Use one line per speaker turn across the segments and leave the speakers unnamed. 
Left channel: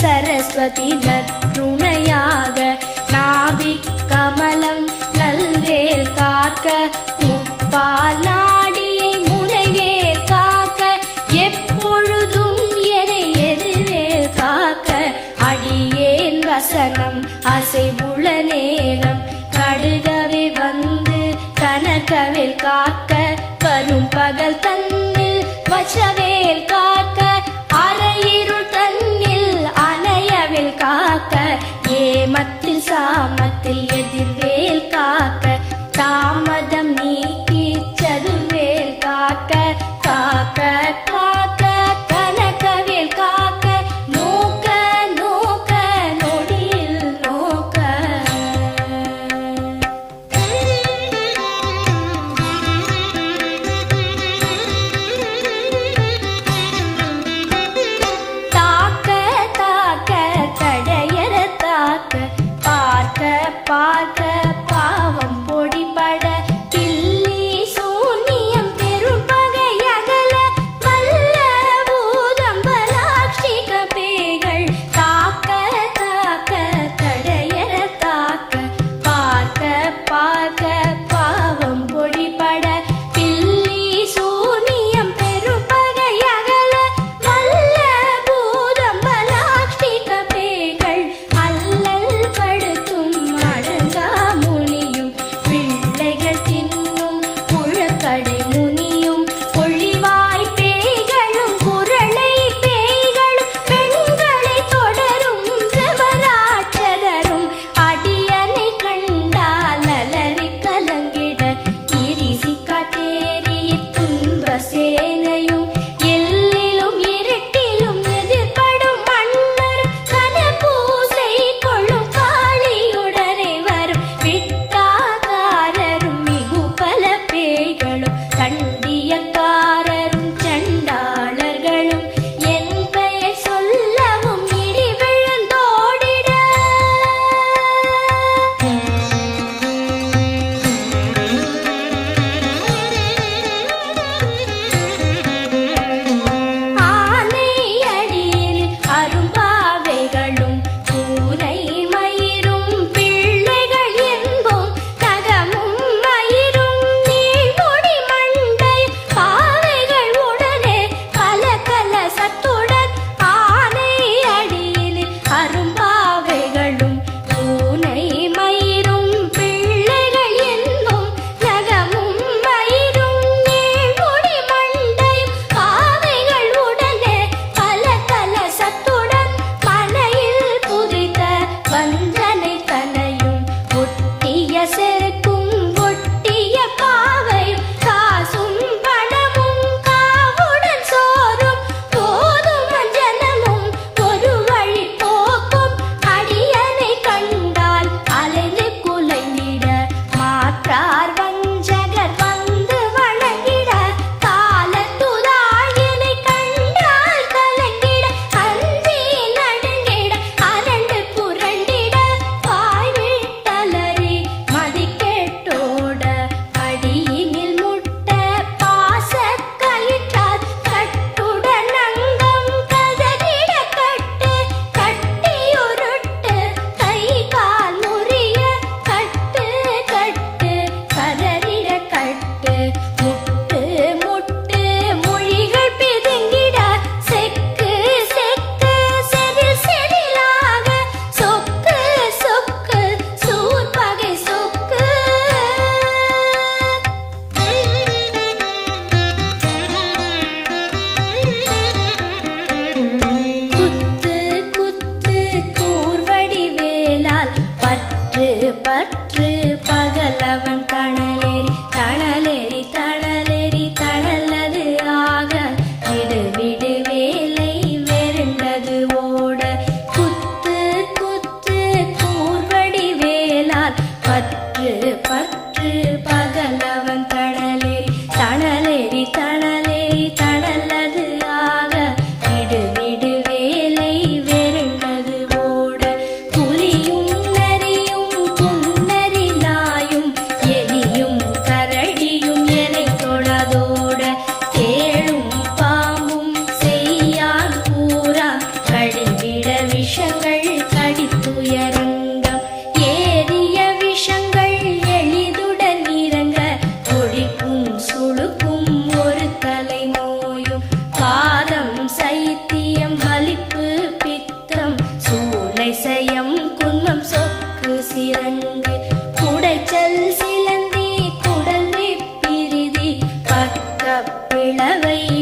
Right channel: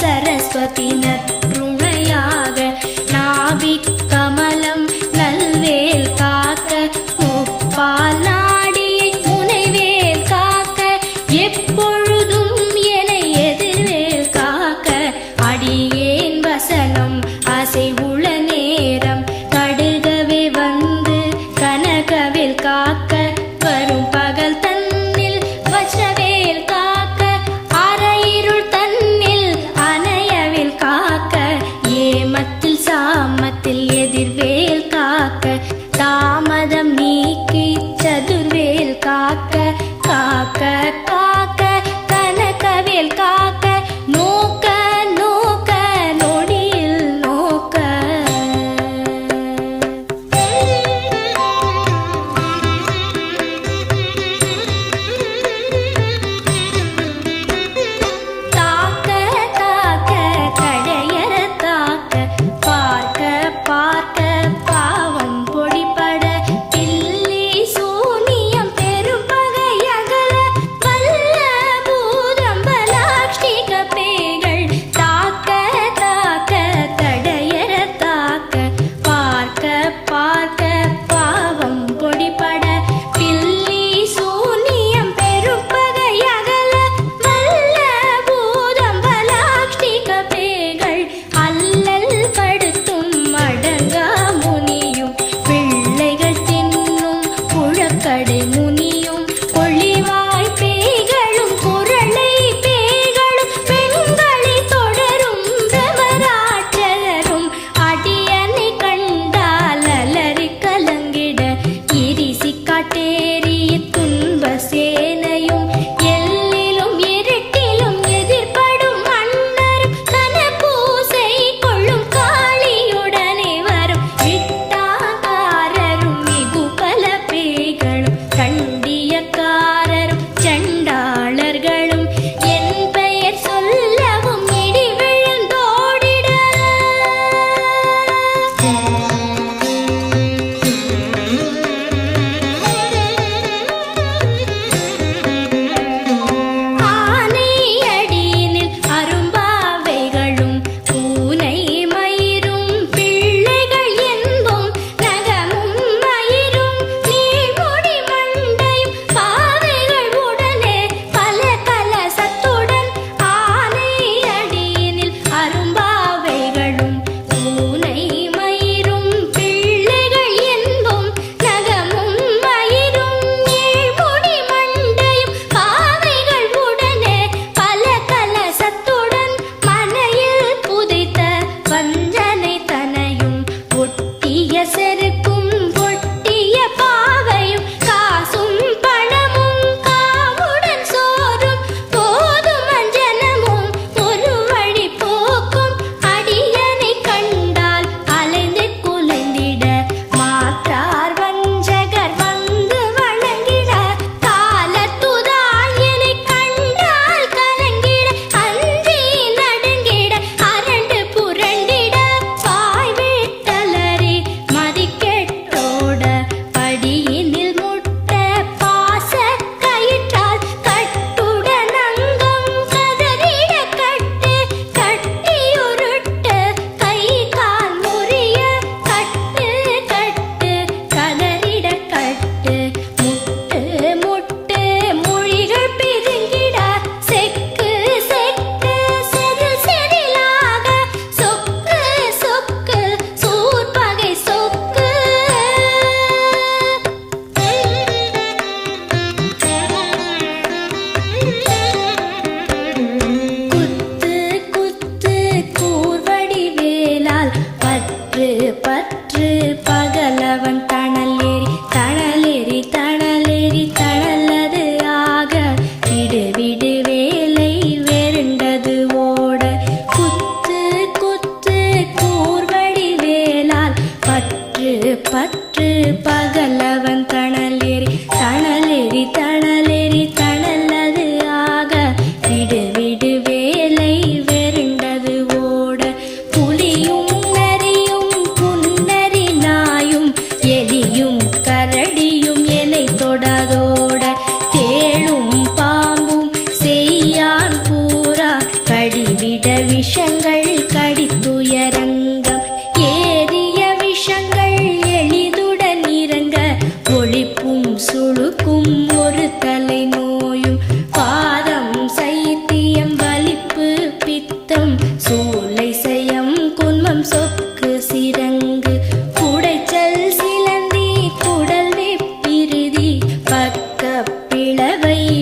சரஸ்வதினர் துணையாக நாவிக் கமலம் நல்வேல் காக்க முப்பால் நாடியை முனைவேல் காக்க எப்பொழுதும் என எதிர்வேல் காக்க அடியேன் வசனம் அசைவுள நேரம் கடுகவே வந்து கனகவில் காக்க வரும் பகல் தன்னில் வச்சவேல் காக்க எதிர்வேல் காக்க தாமதம் நீக்கி சதுர்வேல் காக்க காக்க பற்று பகலவன் தணலேறி தணலேறி தணலேறி தணலது ஆக. விடு விடு வேலை வெருண்டது ஓட. புலியும் நரியும் புன்னரி நாயும் எலியும் கரடியும் எலை தொடாதோட. தேழும் பாம்பும் செய்யான் பூரா கடிவிட விஷங்கள் கடித்துயரங்க சுழுக்கும் ஒரு தலை நோயும் பாதம் சைத்தியம் வலிப்பு பித்தம். சூளை செயம் குன்மம் சொக்கு சிரங்கு. குடைச்சல் சிலந்தி குடல் பிரிதி. பக்க பிளவை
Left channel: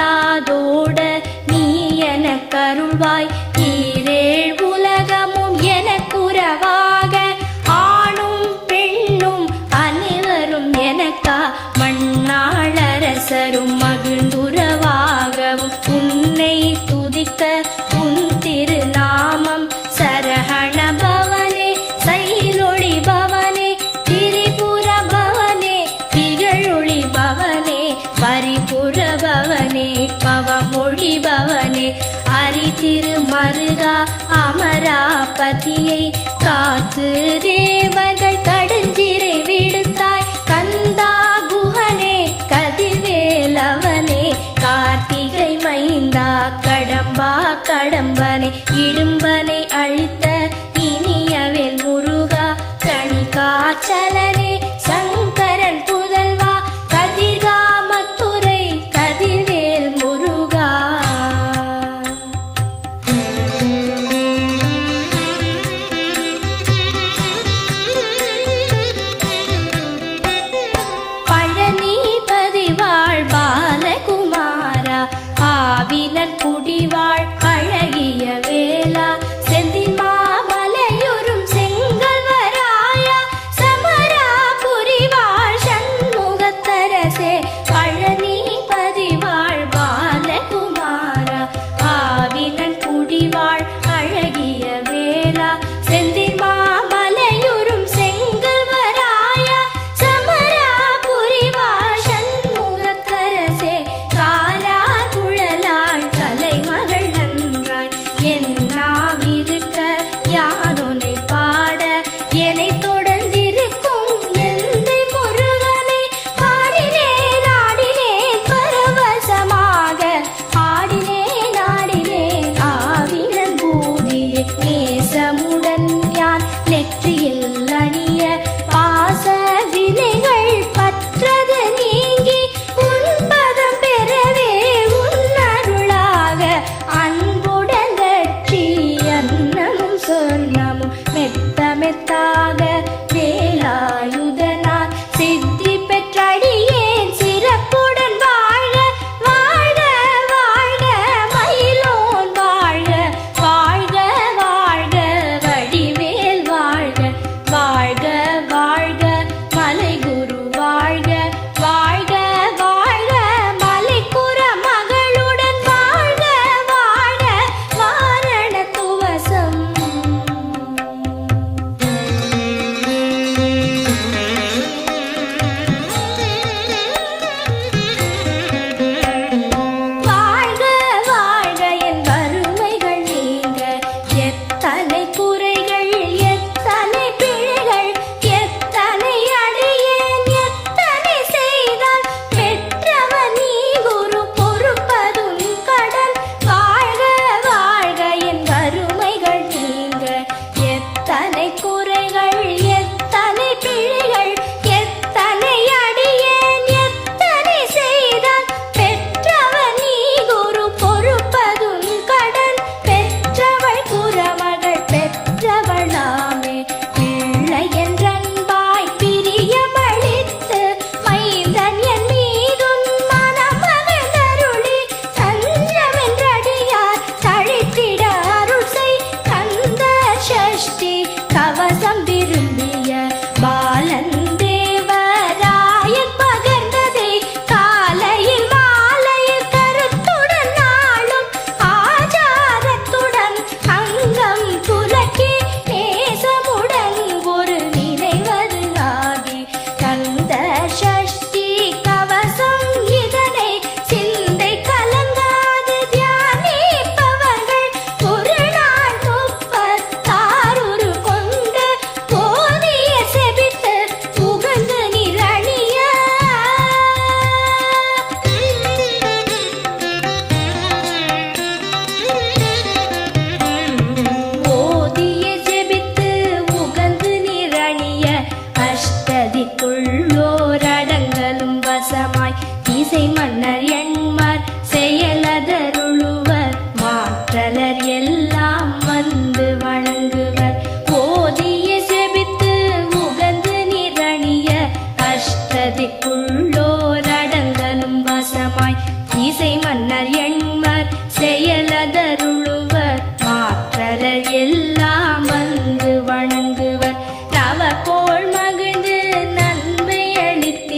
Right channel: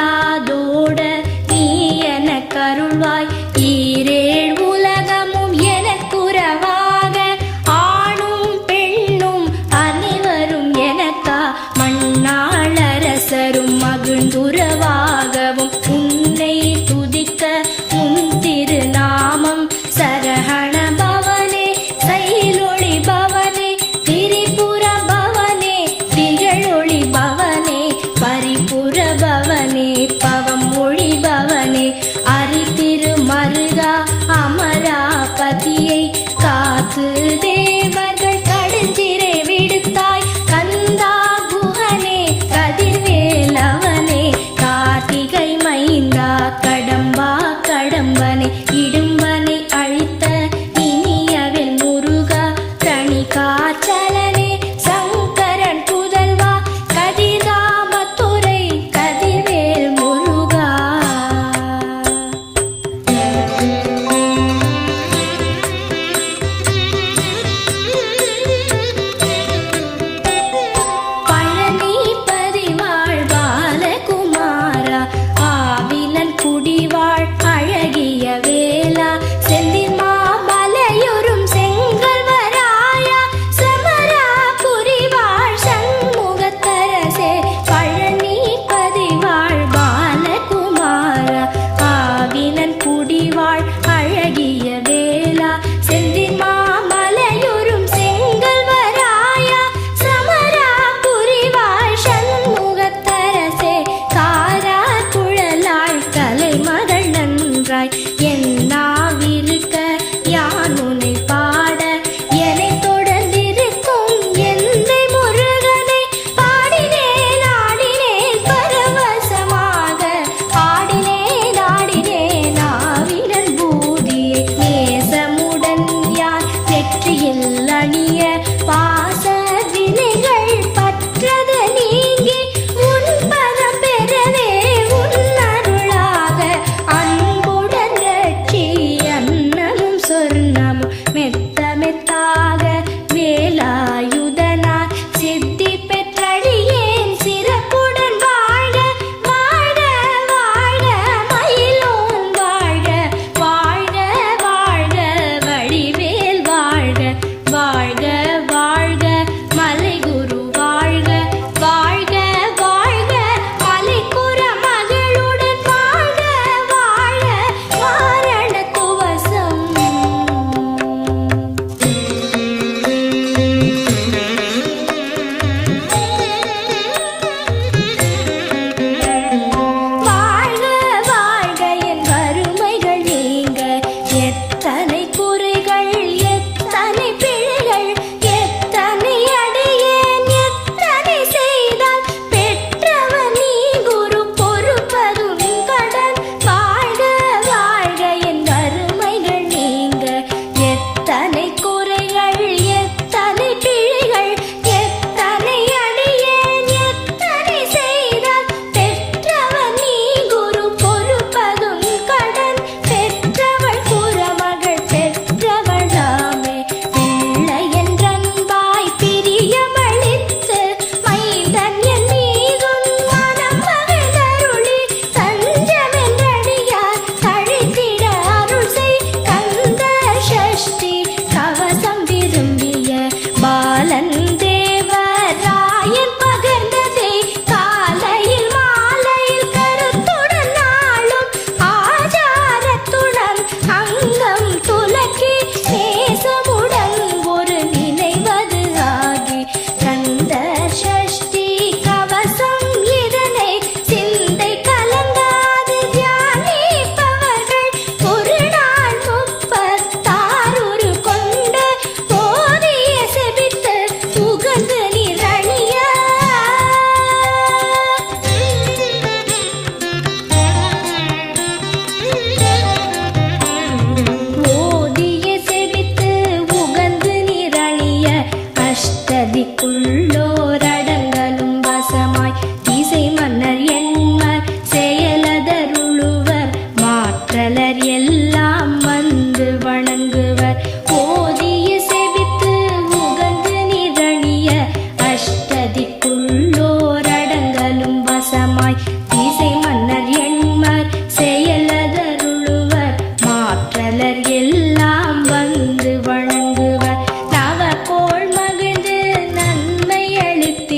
அல்லாதோட நீ என கருள்வாய். ஈரேழ் உலகமும் எனக்குறவாக ஆணும் பெண்ணும் அனைவரும் எனக்கா. மண்ணாளரசரும் மகிழ்ந்துறவாகவும் உன்னை துதிக்க உன் திருநாமம் சரஹணபா பதியை காத்து தேவர்கள் தடுச்சிறை விடுத்தாய். கந்தா குஹனே கதிர்வேலவனே கார்த்திகை மைந்தா கடம்பா கடம்பனே இடும்பனை அழித்த இனியவன் முருகா தனி காச்சலனே pure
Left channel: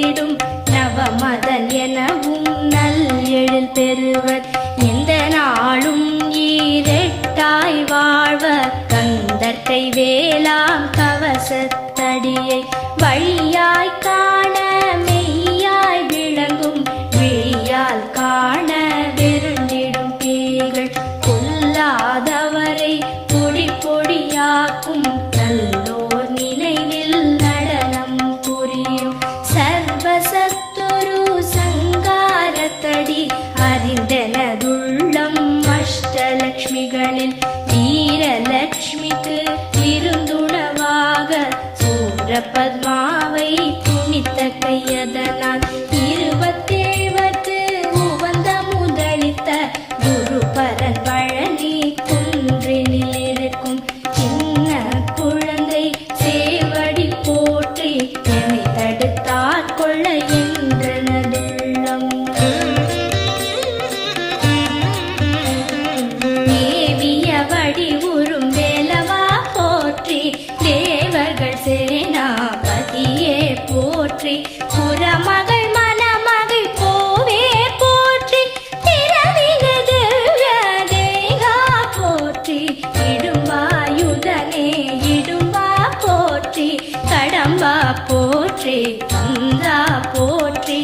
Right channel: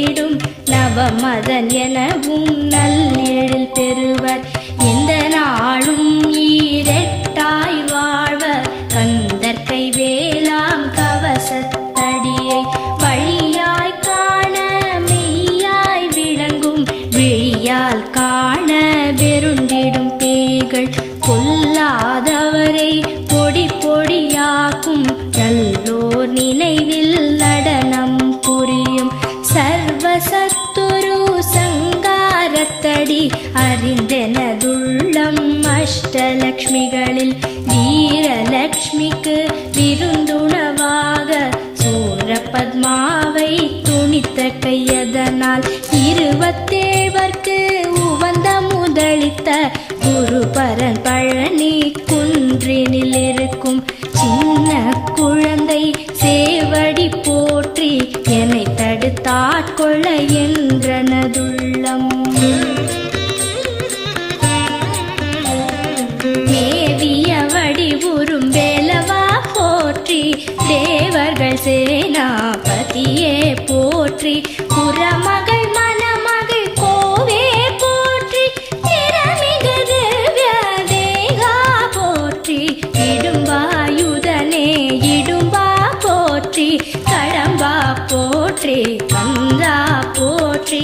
அளித்திடும் நவமதன் எனவும் நல் எழில் பெறுவர். எந்த நாளும் ஈரெட்டாய் வாழ்வர். கந்தற்கை வேளாம் கவசத்தடியை வழியாய் காண மெய்யாய் விளங்கும். விழியால் காண வெருண்டிடும் பேய்கள். கொல்லாதவரை பொடி பொடியாக்கும். நல்லோர் நினைவில் அஷ்டலக்ஷ்மிகளில் வீரலக்ஷ்மிக்கு விருந்துணவாக சூரபத்மாவை துணித்த கையதனால் இருபத்தேவர்க்கு உவந்த முதலித்த குருபரன் பழனி குன்றினில் இருக்கும் சின்ன குழந்தை சேவடி போற்றி என்னை தடுத்தாட்கொள்ள என்றனதுள்ளம். சேனாபதியே போற்றி. புறமகள் மணமகள் கோவே போற்றி. திறமிகது திவ்ய போற்றி. இடும்பாயுதனே இடும்பா போற்றி. கடம்பா போற்றி கந்தா போற்றி.